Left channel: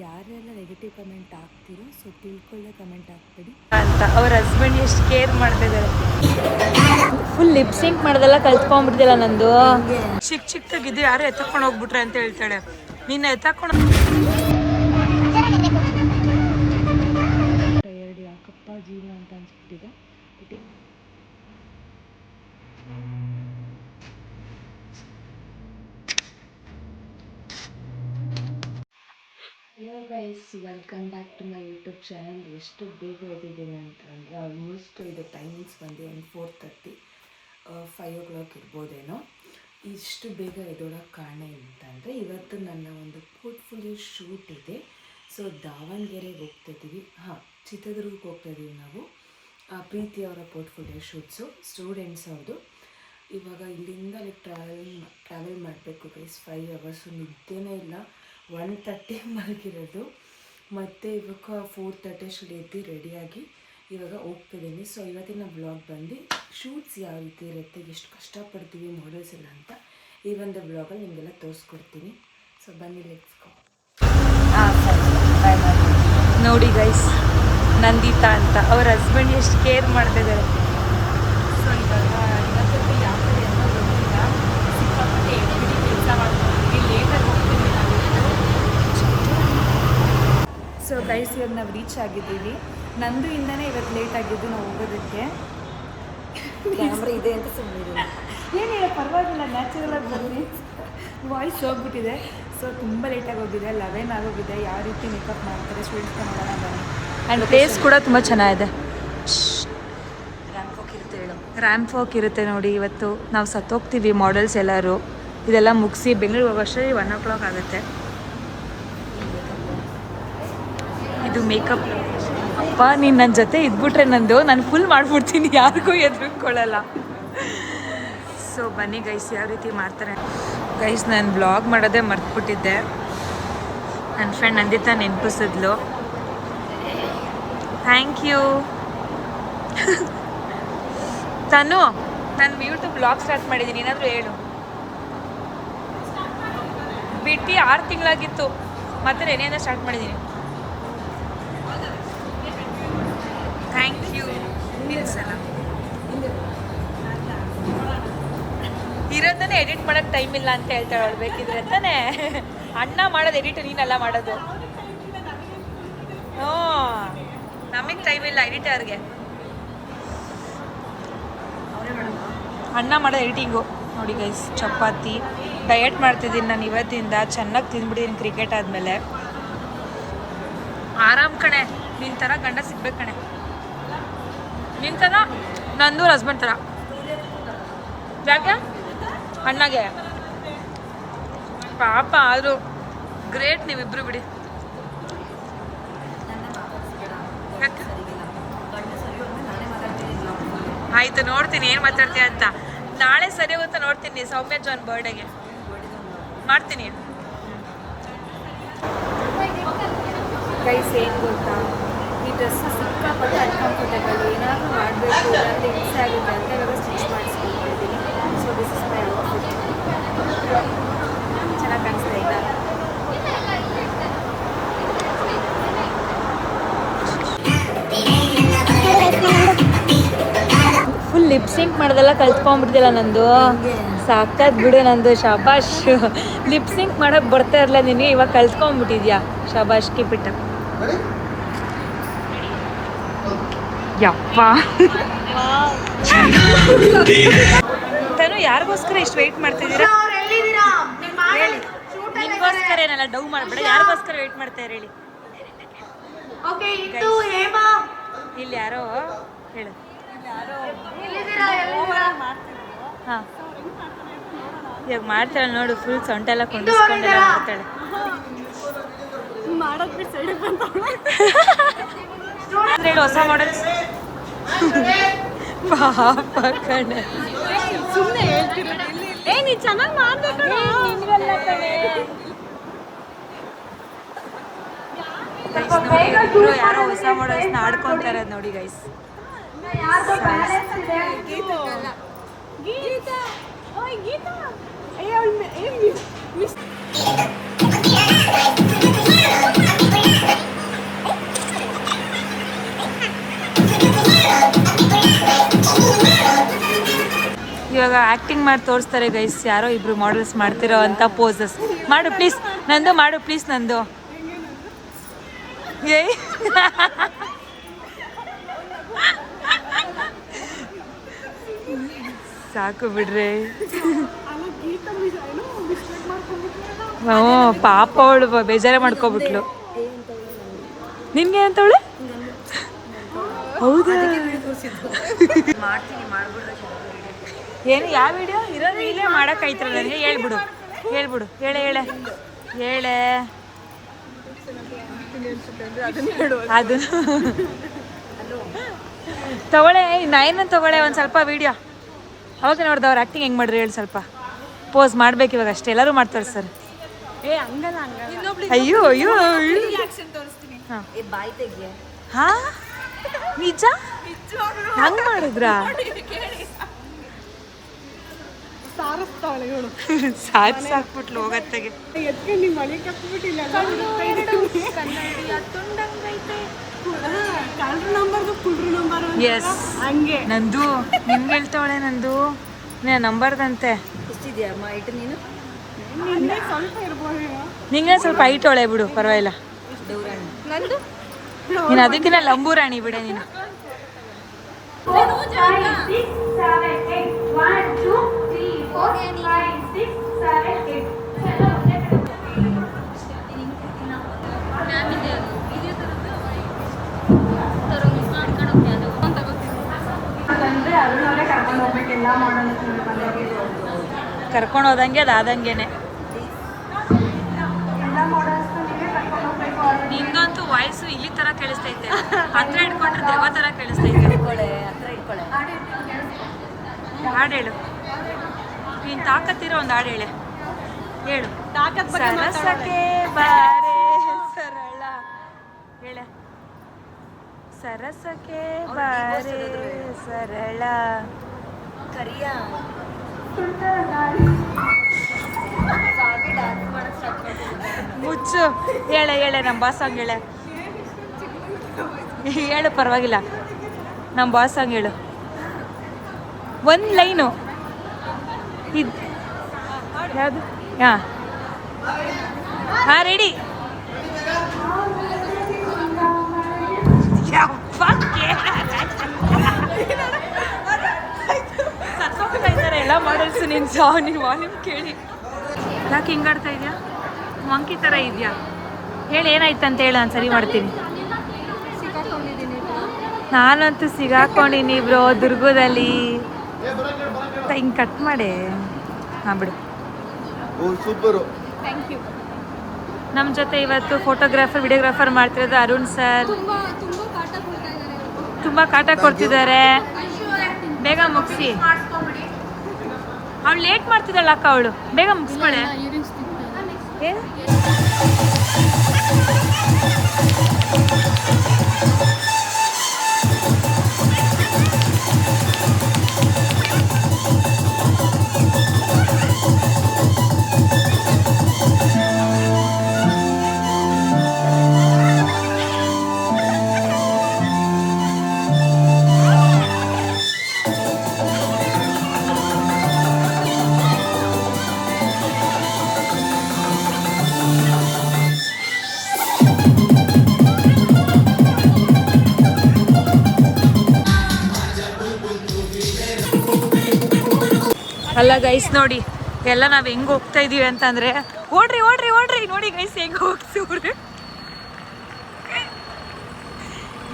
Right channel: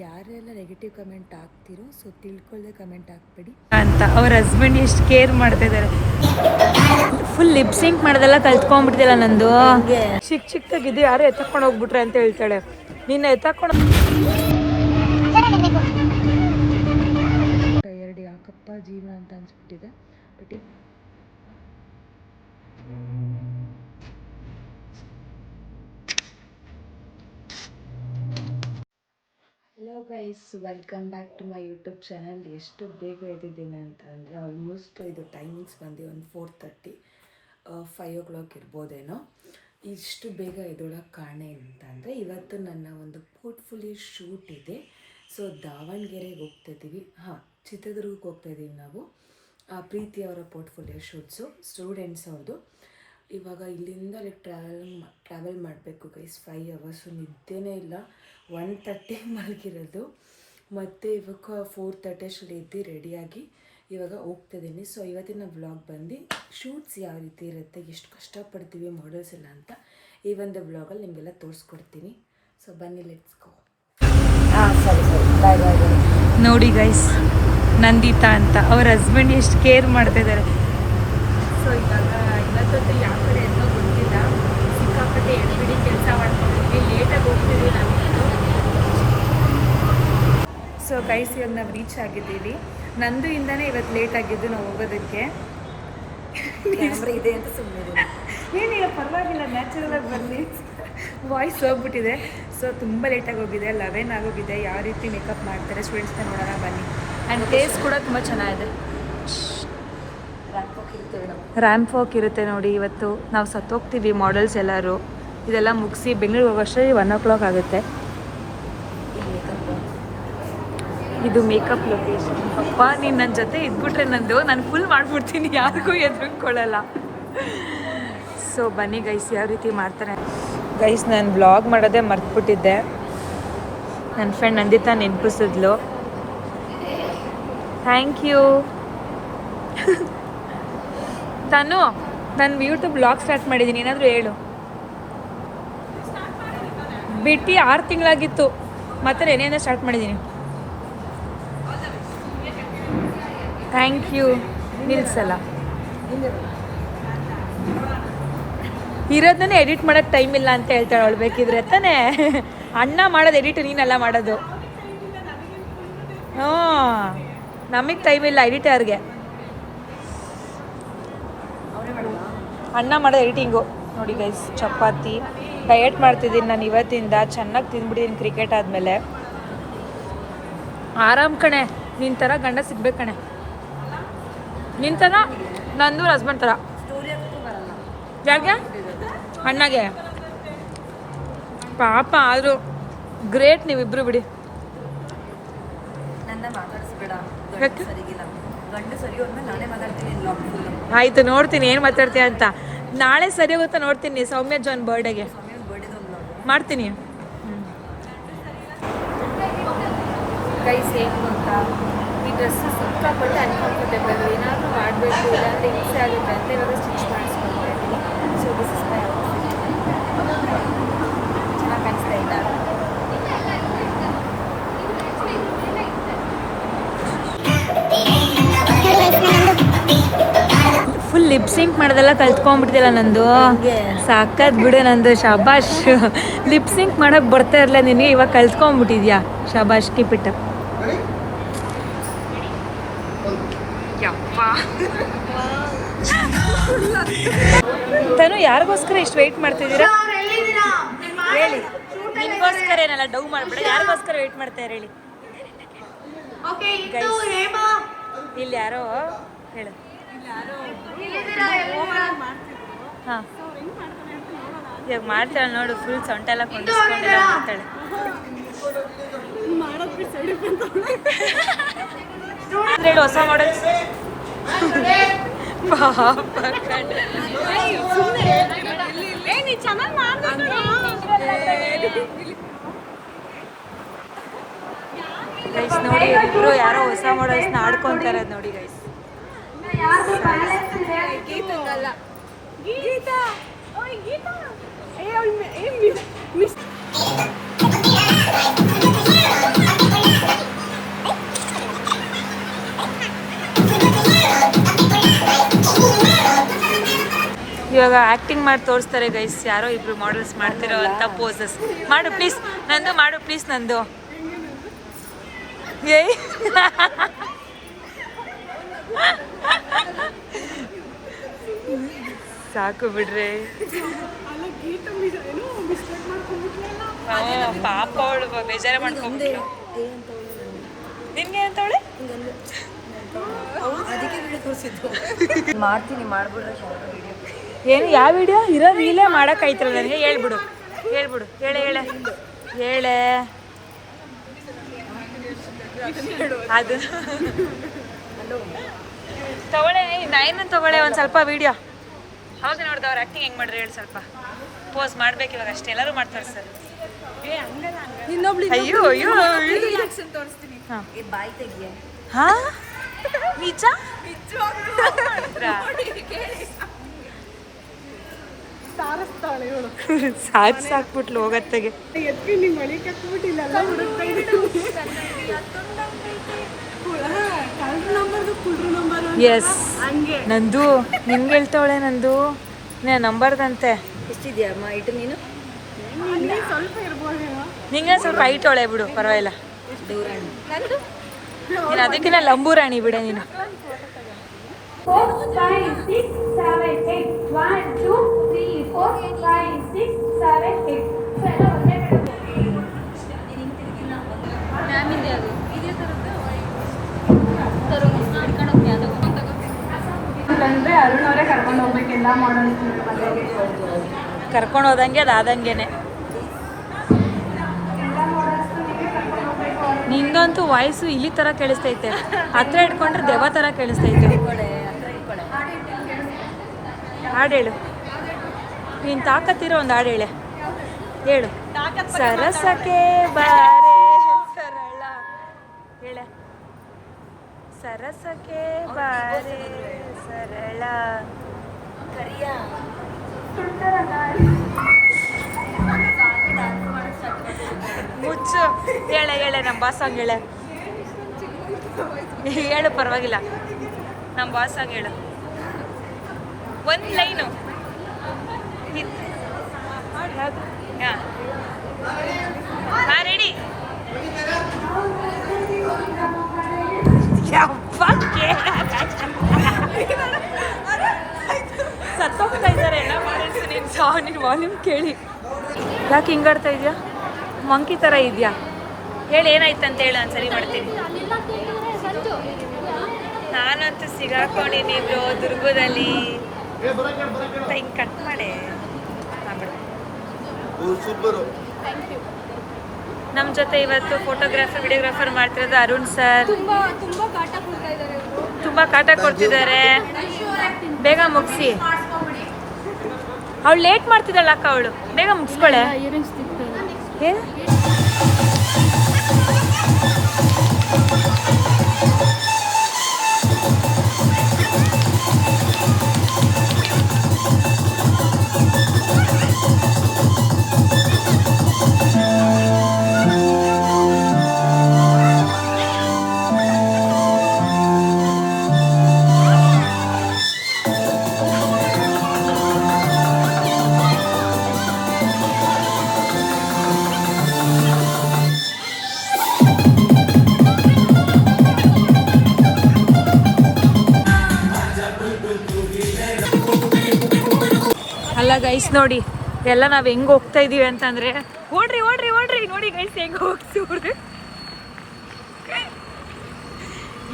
ಯಾರೆಲ್ಲ negative comment ಹಾಕ್ತಿರೋ so ತಿಳ್ಕೊಳ್ಳೆ ಕಮೆಂಟ್ ಹಾಕ್ಬೇಡಿ ಅಂತ. ಅವ್ರ ಹಸ್ಬೆಂಡ್ ಎಷ್ಟು ಕೇರ್ ಮಾಡ್ತಿದ್ದಾರೆ. ಫುಲ್ ಲಿಪ್ಸಿಂಕ್ ಮಾಡೋದೆಲ್ಲ ಕಲ್ತ್ಕೊಂಡ್ಬಿಡ್ತಿಲ್ಲ ನಂದು. ಚಿಕ್ಕದಾಗಿದ್ದು ಯಾರು ಎತ್ತಕೊಂಡು ಹೋಗ್ಬಿಟ್ರೆ ಅಂತ ಹೇಳ್ತಾಳೆ. ನೀನು ಎತ್ತಕೊಂಡು ಟಯರ್ಡ್ ಯಾಕಪ್ಪ ಜೀವನ ಅಂತ ಅನ್ಸ್ಬಿಟ್ಟಿದೆ. Hello guys, welcome back to my YouTube channel. ಎಷ್ಟು ಬೇಗ ಎದ್ದಿದ್ದೀನಿ ಅಂತಂದರೆ ಆಲ್ಮೋಸ್ಟ್ ಇದು ಟೈಮಿಂಗ್ಸ್ ಬಂದು ಒಂದು 4:30 5 o'clock ಇರ್ಬೋದೇನೋ. ಇಷ್ಟು ಬೇಗ ಎದ್ದೋಳಕ್ಕೆ ಕಾರಣ ಏನಂತಂದರೆ ಇವತ್ತು ನನ್ನ ಒಂದು ಪೋರ್ಟ್ಫೋಲಿಯೋ ಶೂಟ್ ಇದೆ. ಸೊ ದಾವಣಗೆರೆಗೆ ಹೋಗ್ತಾಯಿದ್ದೀವಿ. ಚಿತ್ರದುರ್ಗಕ್ಕೆ ಹೋಗ್ತಾಯಿದ್ದೀವಿ ನಾವು. ಪ್ರೀತಿ ಅವರ ಪೋರ್ಟ್ಫೋಲಿಯೋ ಶೂಟ್ಸು ಸ್ಟೂಡೆಂಟ್ಸ್ ಅವ್ರದ್ದು. ಇವಾಗ ಇಲ್ಲಿಂದ ಟ್ರಾವೆಲ್ ಮಾಡಬೇಕು ಗೈಸ್. 5 hours ನಿದ್ದೆನೇ ಇಲ್ಲ. 1:30 ಮಲಗಿರೋದು. ಮತ್ತು ಇವಾಗ 4:30 ಅಷ್ಟರಲ್ಲಿ ಎದ್ದು ರೆಡಿಯಾಗಿ ಇವಾಗ ಹೋಗ್ತಿದ್ದೀನಿ. ಸೊ ಇವತ್ತಿನ ವ್ಲಾಗ್ ಬಂದು ಶೂಟ್ಸ್ ಯಾವ ರೀತಿ ಇರುತ್ತೆ, ಎಷ್ಟು ಕಷ್ಟಪಡ್ತೀವಿ ಮಾಡೆಲ್ಸ್ ಎಲ್ಲ ಅಂತ ಈ ಒಂದು ವ್ಲಾಗಲ್ಲಿ ನಿಮಗೆಲ್ಲ ತೋರಿಸ್ಕೊಡ್ತೀನಿ. ಸೊ ಬನ್ನಿ, ಲೆಟ್ಸ್ ಗೋ. ಸರಿ ಬಾಯ್ ಬಾಯ್. ನೋಡಿ ಗೈಸ್, ನಂದಿತಾ ಅಂತ ಅವ್ರ ಹಸ್ಬೆಂಡ್ ಎಷ್ಟು ಕೇರ್ ಮಾಡ್ತಿದ್ದಾರೆ. ಸೊ ಇವಾಗ ಇವತ್ತೊಂದು ಯಾವ ಕಡೆ ಅಂತ ಗೊತ್ತಿಲ್ಲ. ಸಿಕ್ಕಾಪಟ್ಟೆ ಎಬ್ಬಿಡಿ ಕೆಲಸ ಮಾಡ್ತೀವಿ, ಲೇಟಾಗಿ ಹೋಗ್ತೀವಿ ನಮಗೇನು. ಸೊ ಗೈಸ್, ಇವಾಗ ನಾವು ರೀಚ್ ಆಗಿದ್ದೀವಿ. ನಂದು ಇಂದನೇ ಇವತ್ತು ಲೇಟ್ ಆಗಿದ್ದು ನಾವು ಹೋಗೋದಕ್ಕೆ. ಕ್ಯಾಮ್ರಾ ಇದೆ ಅಂತ ಸುಮ್ಮನೆ ಏನಿಲ್ಲ, ಪರವಾಗಿಲ್ಲ, ನ್ಯಾಚುರಲಾಗಿ ಬರಲಿ. ವಾಯ್ಸ್ ಹೋಗ್ಬಿಟ್ಟಿದೆ. ಸೊ ತುಂಬ ಲೇಟಾಗಿ ಹೋಗಿದೆ. 11 ಆಗೋಗಿದೆ. ಯಾವ ರೀತಿ ಮೇಕಪ್ ಮಾಡ್ತಾರೆ ಸ್ಟೂಡೆಂಟ್ಸ್ಗೆ ನೋಡೋಣ ಬನ್ನಿ. ಆ್ಯಂಡ್ ಪ್ಲೇಸ್ ಕೂಡ ತುಂಬ ಚೆನ್ನಾಗಿದೆ. ರ್ಯಾಂಪ್ ವಾಕ್ ಇರುತ್ತೆ ನೋಡಿ. ಇವತ್ತು ನಾವು ಸತ್ತೋಗ್ತೀವಿ ಮಾಡೆಲ್ಸ್ ಎಲ್ಲರೂ. ಇದೆಲ್ಲ ಮುಗಿಸಿ ಬೆಂಗಳೂರಿಗೆ ಹೋಗೋಷ್ಟರಲ್ಲಿ 1 o'clock ಆಗುತ್ತೆ. ಇದು ಮೇಕಪ್ ಲೊಕೇಶನ್. ಅಪ್ಪ, ನೀನು ನನ್ನ ಜೊತೆ ಇದ್ಬಿಟ್ರೆ ನಾನು ಫುಲ್ ಮಾಡಿಬಿಡ್ತೀನಿ, ಯಾರಿಗೂ ಎದುರುಕೊಳ್ಳಲ್ಲ. ಸೊ ಬನ್ನಿ ಗೈಸ್, ಯಾವ ರೀತಿ ಮಾಡ್ತಾರೆ. ಗೈಸ್, ನಾನು ಬ್ಲಾಗ್ ಮಾಡೋದೇ ಮರ್ತ್ಬಿಟ್ಟಿದ್ದೆ. ನನ್ನ ಫ್ರೆಂಡ್ ನಂದಿತಾ ನೆನಪಿಸಿದ್ಲು. Thank you. ತಾನು ನಾನು ಯೂಟ್ಯೂಬ್ ಬ್ಲಾಗ್ ಸ್ಟಾರ್ಟ್ ಮಾಡಿದ್ದೀನಿ, ಏನಾದರೂ ಹೇಳು. ಬಿಟ್ಟು 6 ತಿಂಗಳಾಗಿತ್ತು, ಮತ್ತೆ ನೆನೆಯಿಂದ ಸ್ಟಾರ್ಟ್ ಮಾಡಿದ್ದೀನಿ. Thank you. ನಿಲ್ಸಲ್ಲ, ಇರೋದನ್ನೇ ಎಡಿಟ್ ಮಾಡೋಕ್ಕೆ ಟೈಮ್ ಇಲ್ಲ ಅಂತ ಹೇಳ್ತಾಳೆ ಅವಳು. ಬೇಕಿದ್ರೆ ತಾನೇ ಅಣ್ಣ ಮಾಡೋದು ಎಡಿಟ್, ನೀನೆಲ್ಲ ಮಾಡೋದು. ನಮಗೆ ಟೈಮ್ ಇಲ್ಲ ಎಡಿಟರ್ಗೆ. ಅಣ್ಣ ಮಾಡೋದು ಎಡಿಟಿಂಗು. ನೋಡಿ ಗೈಸ್, ಚಪಾತಿ ಡಯಟ್ ಮಾಡ್ತಿದ್ದೀನಿ ನಾನು ಇವತ್ತಿಂದ. ಚೆನ್ನಾಗಿ ತಿಂದ್ಬಿಟ್ಟಿದ್ದೀನಿ ಕ್ರಿಕೆಟ್ ಆದಮೇಲೆ. ಆರಾಮ್ ಕಣೆ, ನಿನ್ನ ಥರ ಗಂಡ ಸಿಗ್ಬೇಕು ಕಣೆ. ನಿನ್ನ ಥರ, ನಂದು ಹಸ್ಬೆಂಡ್ ಥರ. ಯಾಕೆ ಅಣ್ಣಗೆ ಪಾಪ, ಆದರೂ ಗ್ರೇಟ್ ನೀವಿಬ್ರು ಬಿಡಿ. ಆಯಿತು, ನೋಡ್ತೀನಿ ಏನು ಮಾತಾಡ್ತೀಯ ಅಂತ. ನಾಳೆ ಸರಿ ಹೋಗುತ್ತಾ ನೋಡ್ತೀನಿ. ಸೌಮ್ಯ ಜಾನ್ ಬರ್ಡೇಗೆ ಮಾಡ್ತೀನಿ. ಗೈಸ್, ಏನು ಗೊತ್ತಾ, ಈ ಡ್ರೆಸ್ಸು ಸಿಕ್ಕಾಪಟ್ಟೆ ಅನ್ಕಂಫರ್ಟೇಬಲ್. ಏನಾದರೂ ಮಾಡಬೇಕು, ಇಲ್ಲಾಂದರೆ ಹಿಂಸೆ ಆಗುತ್ತೆ ಅಂತ ಇವಾಗ ಸ್ಟಿಚ್ ಮಾಡಿಸ್ಕೊಳ್ತಾ ಇದ್ದೀನಿ. So this is my outfit. ಚೆನ್ನಾಗಿ ಕಾಣಿಸ್ತಾ ಇಲ್ಲ. ಫುಲ್ ಲಿಪ್ಸಿಂಕ್ ಮಾಡೋದೆಲ್ಲ ಕಲ್ತ್ಕೊಂಡ್ಬಿಡ್ತಿಲ್ಲ ನಂದು. ಸಾಕಾದ್ ಬಿಡು ನಂದು. ಶಬಾಷ್, ಲಿಪ್ಸಿಂಕ್ ಮಾಡೋಕ್ಕೆ ಬರ್ತಾ ಇರಲ್ಲ ನಿನಗೆ, ಇವಾಗ ಕಲ್ತ್ಕೊಂಡ್ಬಿಟ್ಟಿದ್ಯಾ. ಶಬಾಷ್, ಕೀಪ್ ಇಟ್. ಯಪ್ಪ, ತಾನು ಯಾರಿಗೋಸ್ಕರ ಇಷ್ಟು ವೆಯ್ಟ್ ಮಾಡ್ತಿದ್ದೀರಾ ಹೇಳಿ? ನಿಮಗೋಸ್ಕರ ಏನಲ್ಲ, ಡೌ ಮಾಡಬೇಡ. ಯಾರಿಗೋಸ್ಕರ ವೆಯ್ಟ್ ಮಾಡ್ತಾರೆ ಹೇಳಿ? ಇಲ್ಲಿ ಯಾರೋ ಹೇಳು. ಹಾಂ, ಇವಾಗ ಮಾಡ್ತಾಳೆ ನೋಡು. ಫುಲ್ ಸೊಂಟೆಲ್ಲ ಕೊಂಡಿಸ್ಕೊಂಡೆಲ್ಲ ಮಾಡ್ತಾಳೆ. ಹೊಸ ಮಾಡೆಲ್ಸ್ ಗೈಸ್ ನೋಡಿ, ಇಬ್ರು ಯಾರೋ ಹೊಸ ಮಾಡೆಲ್ಸ್ನ ಆಡ್ಕೊಂತಾರೆ ನೋಡಿ ಗೈಸ್. ಇವಾಗ ಆ್ಯಕ್ಟಿಂಗ್ ಮಾಡಿ ತೋರಿಸ್ತಾರೆ ಗೈಸ್, ಯಾರೋ ಇಬ್ರು ಮಾಡಲ್ಸ್ ಮಾಡ್ತಿರೋ ಅಂತ ಪೋಸಸ್. ಮಾಡು ಪ್ಲೀಸ್ ನಂದು, ಮಾಡು ಪ್ಲೀಸ್ ನಂದು. ಏಯ್ ಸಾಕು ಬಿಡ್ರಿ. ಓ ಪಾಪ ಅವಳು ಬೇಜಾರೇ ಮಾಡ್ಕೊಬಿಟ್ಲು. ನಿನ್ಗೆ ಅಂತವಳೆ ಏನು ಯಾವ ವಿಡಿಯೋ ಇರೋ ರೀಲೇ ಮಾಡೋಕ್ಕಾಯ್ತಲ್ಲ ನನಗೆ. ಹೇಳ್ಬಿಡು ಹೇಳ್ಬಿಡು, ಹೇಳೆ ಹೇಳೆ ಹೇಳೆ ಅದು ತಗೊಳ್ಳೆ. ನೈನ್ ತಗೊಳ್ಳೆ ಒಂದು ಸ್ವಲ್ಪ ವಿಡಿಯೋ. ಅವಾಗ ನೋಡ್ದವ್ರು ಆ್ಯಕ್ಟಿಂಗ್ ಹೆಂಗೆ ಮಾಡಿದ್ರು ಹೇಳಿ. ಸ್ವಲ್ಪ ಪೋಸ್ ಮಾಡ್ಬೇಕು ಇವಾಗ ಅಷ್ಟೇ, ಎಲ್ಲರೂ ಮಾಡ್ತಾರೆ ಸರ್. ಅಯ್ಯೋ ಅಯ್ಯೋ ಹಾಂ ಹಾಂ ನಿಜ ಹಂಗೆ ಮಾಡಿದ್ರಾ? ಸಾಕ್ಬಿಟ್ಲು ಹೋಗತ್ತೆಗೆ. ಎಸ್ ನಂದು ನಿನ್ಗೆ ಹೇಳ್ತಾವಳೆ, ನಂದು ನಂಬರ್ದಂತೆ. ನಿಂಗೆ ಸ್ವಲ್ಪ ಹೈಟ್ ಅವಳೆ ಬಿಡು, ಪರವಾಗಿಲ್ಲ. ನೀನು ಅದಕ್ಕಿಂತ ಲಂಬೂರಾಣಿ ಬಿಡೆ ನೀನು. ಕರ್ಕೊಂಡು ಹೋದಂಗೆ ಅದಾದಂಗೆನೆ. ನಿಂದಂತೂ ವಾಯ್ಸು ಇಲ್ಲಿ ಥರ ಕೇಳಿಸ್ತೈತೆ, ಹತ್ರ ಇಟ್ಕೊಂಡ್ರೆ ದೆವ್ವ ಥರ ಕೇಳಿಸ್ತೈತೆ. ಹಾಡು ಹೇಳು, ನೀನು ತಾಕತ್ತಿರೋ ಒಂದು ಹಾಡು ಹೇಳೆ. ಹೇಳು. ಸರಸಕ್ಕೆ ಬಾರೆ ಸರಳ ಹೇಳೆ. ಸರಸಕ್ಕೆ ಬಾರೆ ಸರಳ ಮುಚ್ಚು. ಹೇಳೆ ಹೇಳೆ, ನಮ್ಮ ಬಾಸ್ ಸಾಂಗ್ ಹೇಳೆ. ಹೇಳು ಪರವಾಗಿಲ್ಲ, ನಮ್ಮ ಬಾಸ್ ಸಾಂಗ್ ಹೇಳು. ಒಂದು ಲೈನು ಇದು ಯಾವುದು? ಹಾಂ ಹಾಂ ರೆಡಿ. ಸತ್ತೋಗ್ತಾ ಇದ್ದಾರೆ ಎಲ್ಲ ಮಾಡಲ್ಸು. ನಿನ್ನ ವಾಲ್ಯೂಮ್ ಕೇಳಿ. ಯಾಕೆ ಹಿಂಗಾಡ್ತಾ ಇದೆಯಾ? ಮಂಕಿ ಥರ ಇದೆಯಾ? ಹೇಳಿ ಏನಾಯ್ತಂತ ಹೇಳು, ನಾನು ಸರಿ ಮಾಡ್ತೀನಿ. ನಾನಂತೂ ಸಿಗಾಕೊಂಡಿನಿ ಬ್ರೋ ದುರ್ಗದಲ್ಲಿ. ಹಿಂಗೆ ಕಟ್ ಮಾಡಿ ಹಾಂ ಬಿಡು. ನಮ್ಮ ಜೊತೆ ಇವತ್ತು ಫೋಟೋಗ್ರಾಫರ್ ವಿಡಿಯೋಗ್ರಾಫರ್ ಮಾಡ್ತಿರೋದು ಅರುಣ್ ಸರ್. ತುಂಬ ಕಾಟ ಕೊಡ್ತಿದ್ದಾರೆ. ಬೇಗ ಮುಗಿಸಿ. ಅವಳು ಲೇಟ್ ಮಾಡ್ತಿದ್ದಲ್ಲ ಅಕ್ಕ, ಅವಳು ಬೇಗ ಮುಗಿಸ್ಕೊಳೆ. ಅಲ್ಲ ಗೈಸ್ ನೋಡಿ, ಎಲ್ಲ ನಾವು ಹೆಂಗೆ ಹೋಗ್ತಾ ಇದೀವಿ ಅಂತಂದರೆ, ಓಡ್ರಿ ಓಡ್ರಿ ಓಡ್ರಿ ನೋಡಿ ಗೈಸ್ ಹೆಂಗೆ ಹೋಗ್ತೀವ್ರಿ.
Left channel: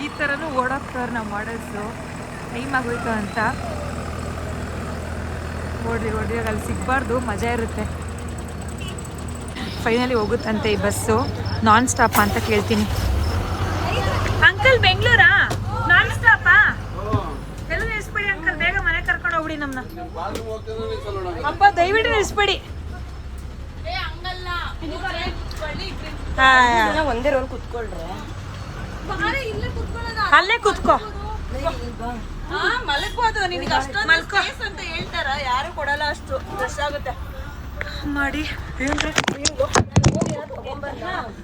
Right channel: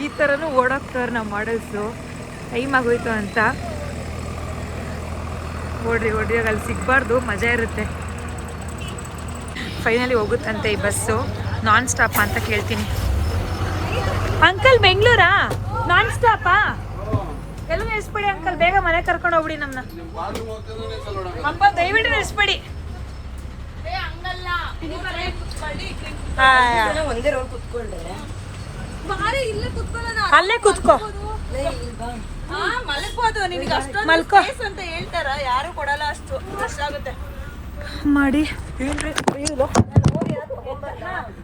ಈ ಥರನೂ ಓಡೋಗ್ತವ್ರು ನಾವು ಮಾಡಲ್ಸು. ಟೈಮ್ ಆಗೋಯ್ತು ಅಂತ. ಓಡ್ರಿ ಓಡ್ರಿ, ಅಲ್ಲಿ ಸಿಗಬಾರ್ದು, ಮಜಾ ಇರುತ್ತೆ. ಫೈನಲಿ ಹೋಗುತ್ತಂತೆ ಈ ಬಸ್ಸು. ನಾನ್ ಸ್ಟಾಪ್ ಅಂತ ಕೇಳ್ತೀನಿ. ಅಂಕಲ್ ಬೆಂಗಳೂರಾ? ನಾನ್ ಸ್ಟಾಪಾ? ಎಲ್ಲ ನಿಲ್ಲಿಸ್ಬೇಡಿ ಅಂಕಲ್, ಬೇಗ ಮನೆ ಕರ್ಕೊಂಡು ಹೋಗ್ಬಿಡಿ ನಮ್ಮನ್ನ. ಅಪ್ಪ ದಯವಿಟ್ಟು ನಿಲ್ಲಿಸ್ಬೇಡಿ. ಅಲ್ಲೇ ಕುತ್ಕೋ. ಮಲ್ಕೋದು ನಿನಗೆ ಅಷ್ಟೊಂದು ಸ್ಪೇಸ್ ಅಂತ ಹೇಳ್ತಾರ, ಯಾರು ಕೊಡಲ್ಲ, ಅಷ್ಟು ರಶ್ ಆಗುತ್ತೆ ಮಾಡಿ.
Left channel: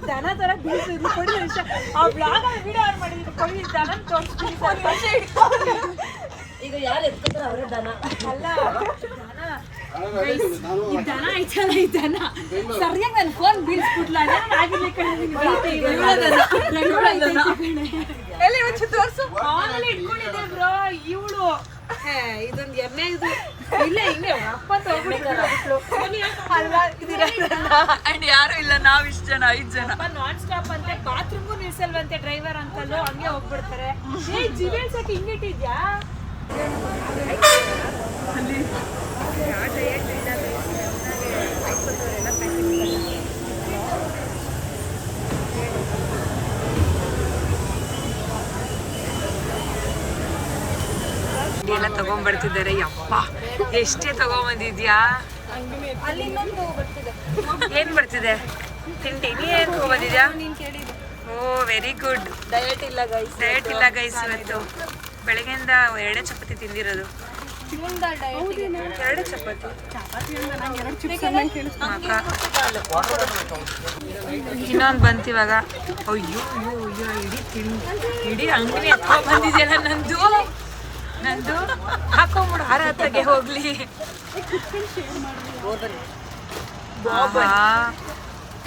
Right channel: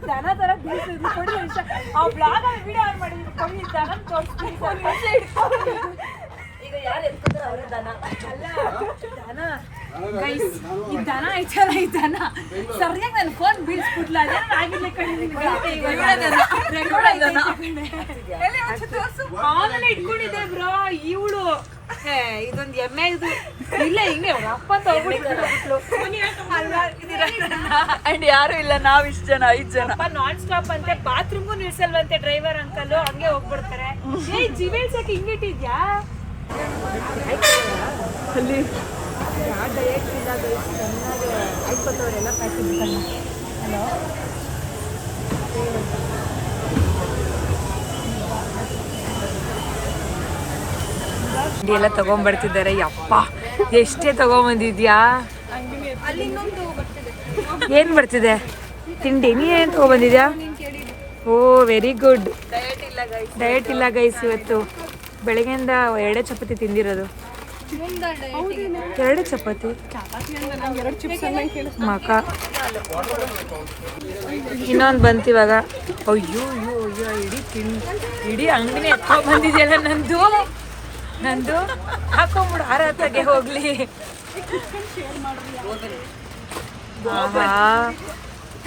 ದನ ತರ ಬೀಸಿದ್ರು ಕೊಡಿ. ಆ ಬ್ಲಾಗ್ ವಿಡಿಯೋ ಆನ್ ಮಾಡಿದ್ರು ಕೊಡಿ, ದನ ತೋರಿಸ್ತೀನಿ. ಈ ದನ ಐತಲ್ಲ ಈ ದನ ಸರಿಯಾಗಿ ನನ್ನ ಫೋನ್ ಬೀಳ್ಸ್ಬಿಟ್ಲ ಆಗಿರ್ಲಿ ಆಮೇಲೆ ಇಟ್ಕೊಂಡಿದ್ದೆ ಬ್ರೋ ಇವಳು ಇದೊಂದು ಎಮ್ಮೆ ಇದು ಇಲ್ಲ ಹಿಂಗೆ ಅಪ್ಪ ಅಂಡ್ ಯಾರು ಇಲ್ಲ ನಾವ್ ಇಷ್ಟ ಜನ 5 ಜನ ನಾನ್ ಸ್ಟಾಪ್ ಅಂತೆ ಬಾತ್ರೂಮ್ಗೂ ನಿಲ್ಸಲ್ವಂತೆ ಡ್ರೈವರ್ ಅಂಕಲ್ ಹಂಗೆ ಹೋಗ್ಬಿಡ್ತಾರೆ ಜಿವೆಲ್ಸಕ್ಕೆ ಹಿಂಗಿಟ್ಟಿದ್ಯಾ ಅಲ್ಲಿ ಎಲ್ಲ ತಗೊಂಡ್ಬರ್ತಿದ್ದಾರೆ ಯಪ್ಪ ಎಷ್ಟೇ ತಗೊಂಬಂದಿದ್ಯಾ ಏನ್ ಬರ್ತಿದೆ ತಿಂಡಿ ನೀನ್ ತಗೊಂಡ್ಬಂದಿದ್ಯಾ ಓ ವೆರಿ ಗುಡ್ ಡಯಟ್ ಇಲ್ಲ ಗೈಸ್ ಇವತ್ತು ಬೆಳಗ್ಗೆಯಿಂದ 2 ಚಪಾತಿ ತಿಂದಿರೋದು 2 ಚಪಾತಿ ಮಕ ಇನ್ನೊಂದು ಬಂತಿವಾಗ ಅಯ್ಯೋ ಇಡೀ ಅಂಗಡಿ ಬಂದಿದೆಯಲ್ಲ ನಂದು ಹಾಕೊಂಬಿಡು ಆರಾತಾಗೆ ಹೋಗ್ಲಿ ಆಹಾ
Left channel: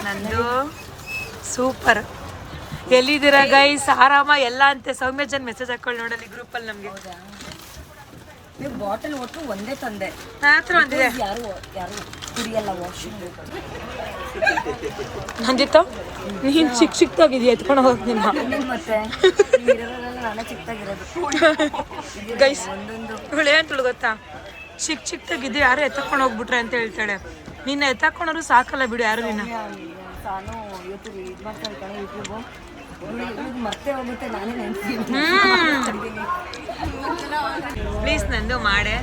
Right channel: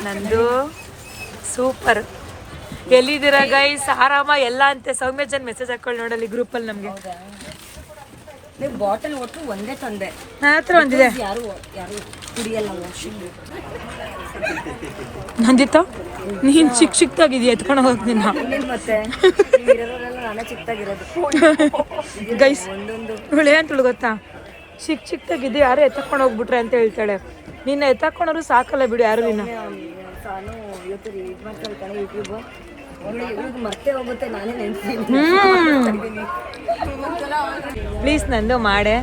ನಂದು ಸೂಪರ್ ಎಲ್ಲಿದ್ದೀರಾ ಗೈಸ್ ಆರಾಮ ಎಲ್ಲ ಅಂತೆ ಸೌಮ್ಯ ಜನ್ ಮೆಸೇಜ್ ಹಾಕೊಳ್ಳಿ ನೋಡಲಿ ಗ್ರೂಪಲ್ಲಿ ನಮ್ಗೆ ನೀವು ಬಾಟಲ್ ಒಟ್ಟು ಒಂದೇ ತಂದೆ ಯಾರು ಕುಡಿಯಲ್ಲ ವಾಷಿಂಗ್ ನಂದಿತ್ತು ನೀನು ಚಿಕ್ಕದಾಗಿದೆಯಾ ಎತ್ಕೊಂಡು ಹೋಗ್ತೀನಿ ಮತ್ತೆ ಇರೋದ್ರೆಲ್ಲ ನಾನೇ ಚಿಕ್ಕದಾಗಿರೋದು ಗೈಸ್ ಇವಳು ಏನು ಗೊತ್ತಾ ಚಿಕ್ಕದಾಗಿದ್ದು ಯಾರು ಎತ್ತಕೊಂಡು ಹೋಗ್ಬಿಟ್ರೆ ಅಂತ ಹೇಳ್ತಾಳೆ ನಿನ್ನ ಎತ್ತಕೊಂಡ್ರು ಸಾಕಲ್ಲ ಬಿಡು ಯಾರು ನಿನ್ನ ನಾನು ಇವತ್ತು ಇದು ಮಾಡ್ತಾ ಇರ್ತಾನೆ ಯೂಟ್ಯೂಬು ಮರ್ತೇ ಹೋಗುತ್ತೆ ನಾನೇ ನೆನ್ಸ್ತೀನಿ ಪ್ಲೀಸ್ ನಂದು ಮಾಡೆ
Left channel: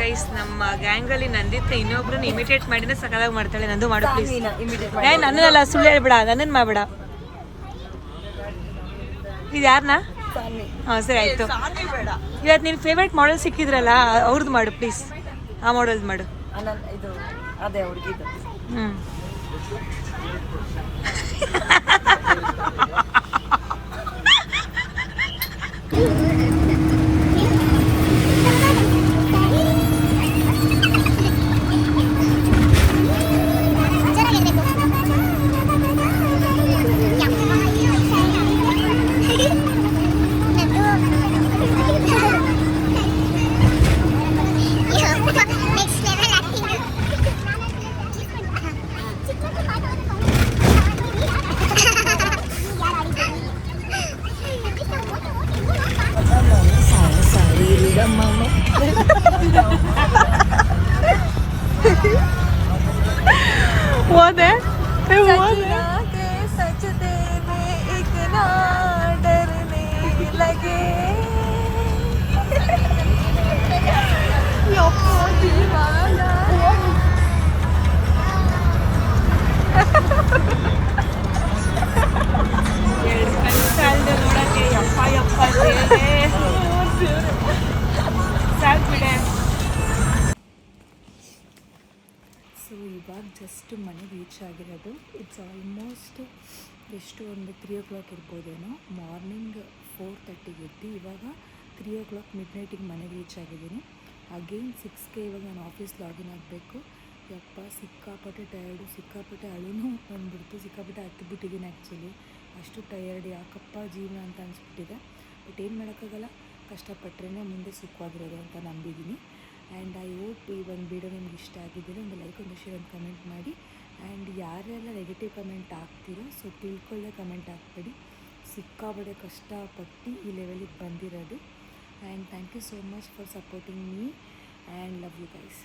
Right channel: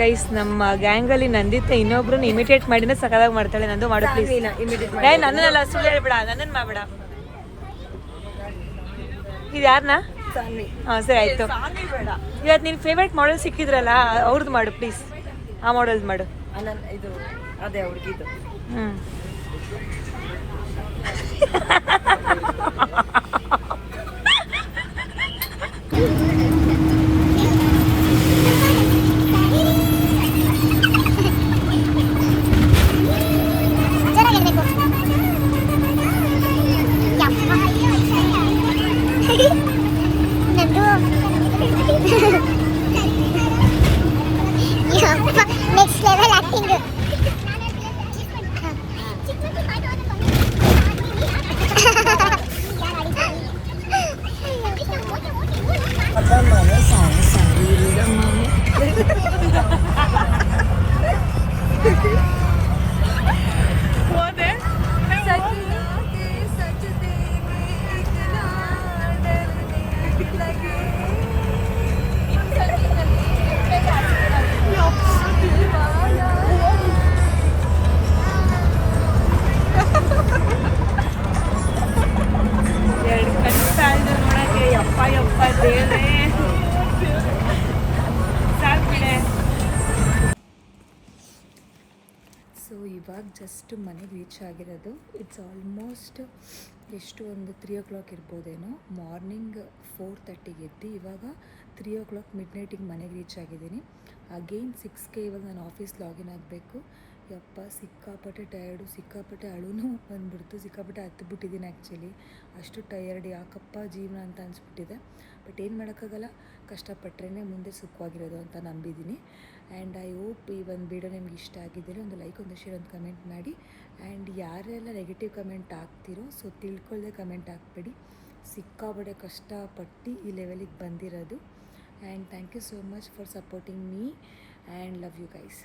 ಗೈಸ್ ನಮ್ಮ ಗ್ಯಾಂಗಲ್ಲಿ ನಂದಿತ್ತು ಇನ್ನೊಬ್ರನ್ನ ಇಮಿಟೇಟ್ ಮಾಡಿದ್ರೆ ಸಕಲಾಗಿ ಮಾಡ್ತಾಳೆ ನಂದು ಮಾಡು ಪ್ಲೀಸ್ ಏ ನನ್ನಲ್ಲ ಸುಳ್ಳು ಹೇಳ್ಬೇಡ ನನ್ನನ್ನು ಮಾಡಬೇಡ ಇದು ಯಾರನ್ನ ಹಾಂ ಸರಿ ಆಯಿತು ಇವತ್ತು ನಿನ್ನ ಫೇವ್ರೇಟ್ ಮಾಡೆಲ್ ಸಿಕ್ಕಿದ್ರಲ್ಲ ಅವ್ರದ್ದು ಮಾಡು ಪ್ಲೀಸ್ ಆ ಮಾಡೆಲ್ದು ಮಾಡು ಇದು ಅದೇ ಹುಡುಗಿದು ಹ್ಞೂ ಸೊ ಇವಾಗ ಜಸ್ಟ್ ಮನೆಗೆ ರೀಚ್ ಆಗಿರೋದು ಇಟ್ಸ್ ಆಲ್ಮೋಸ್ಟ್ ಎಷ್ಟು ಒಂದು 3 o'clock ಇರ್ಬೋದೇನೋ ಮಾರ್ನಿಂಗ್ 4:30 ಎದ್ದು ಇವಾಗ 3 o'clock ಮಿಡ್ನೈಟಿಗೆ ಮನೆಗೆ ರೀಚ್ ಆಗಿದ್ದೀನಿ ಅಗೇನ್ 6ಕ್ಕೆ ಇವಾಗ ನಾನು ಆಫೀಸ್ ಲಾಗಿನ್ ಆಗಬೇಕು ಯಪ್ಪ ಸಿಕ್ಕಾಪಟ್ಟೆ ಟಯರ್ಡು ಸಿಕ್ಕಾಪಟ್ಟೆ ಅಳುನೂ ಬಂದ್ಬಿಡ್ತು ಸಿಕ್ಕಾಪಟ್ಟೆ ಹತ್ತುಬಿಟ್ಟಿದ್ದೀನಿ ಆ್ಯಕ್ಚುಲಿ ಅಷ್ಟು ಟಯರ್ಡ್ ಯಾಕಪ್ಪ ಜೀವನ ಅಂತ ಅನಿಸ್ಬಿಟ್ಟಿದೆ ಬಟ್ ಏನು ಮಾಡೋಕ್ಕಾಗಲ್ಲ ಕಷ್ಟಪಟ್ಟರೆ ಮುಂದೆ ಸುಖವಾಗಿರೋದು ಅಂತ ನಂಬಿದ್ದೀನಿ ಆ್ಯಂಡ್ ಐ ಹೋಪ್ ಈ ಒಂದು ವಿಡಿಯೋ ನಿಮ್ಗೆ ಇಷ್ಟ ಆಗಿದ್ದರೆ ಒಂದು ಲೈಕ್ ಒಂದು ಶೇರ್ ಒಂದು ಕಮೆಂಟ್ ಮಾಡಿ ಆ್ಯಂಡ್ ಯಾರೆಲ್ಲ ನೆಗೆಟಿವ್ ಕಮೆಂಟ್ ಹಾಕ್ತಿರೋ ಸೊ ತಿಳ್ಕೊಳ್ಳೆ ಕಮೆಂಟ್ ಹಾಕ್ಬೇಡಿ ಸಿಕ್ಕಾಪಟ್ಟೆ ಕಷ್ಟಪಟ್ಟು ಈ ಲೆವೆಲಿಗೆ ಬಂದಿರೋದು and thank you so much for supporting me and love you guys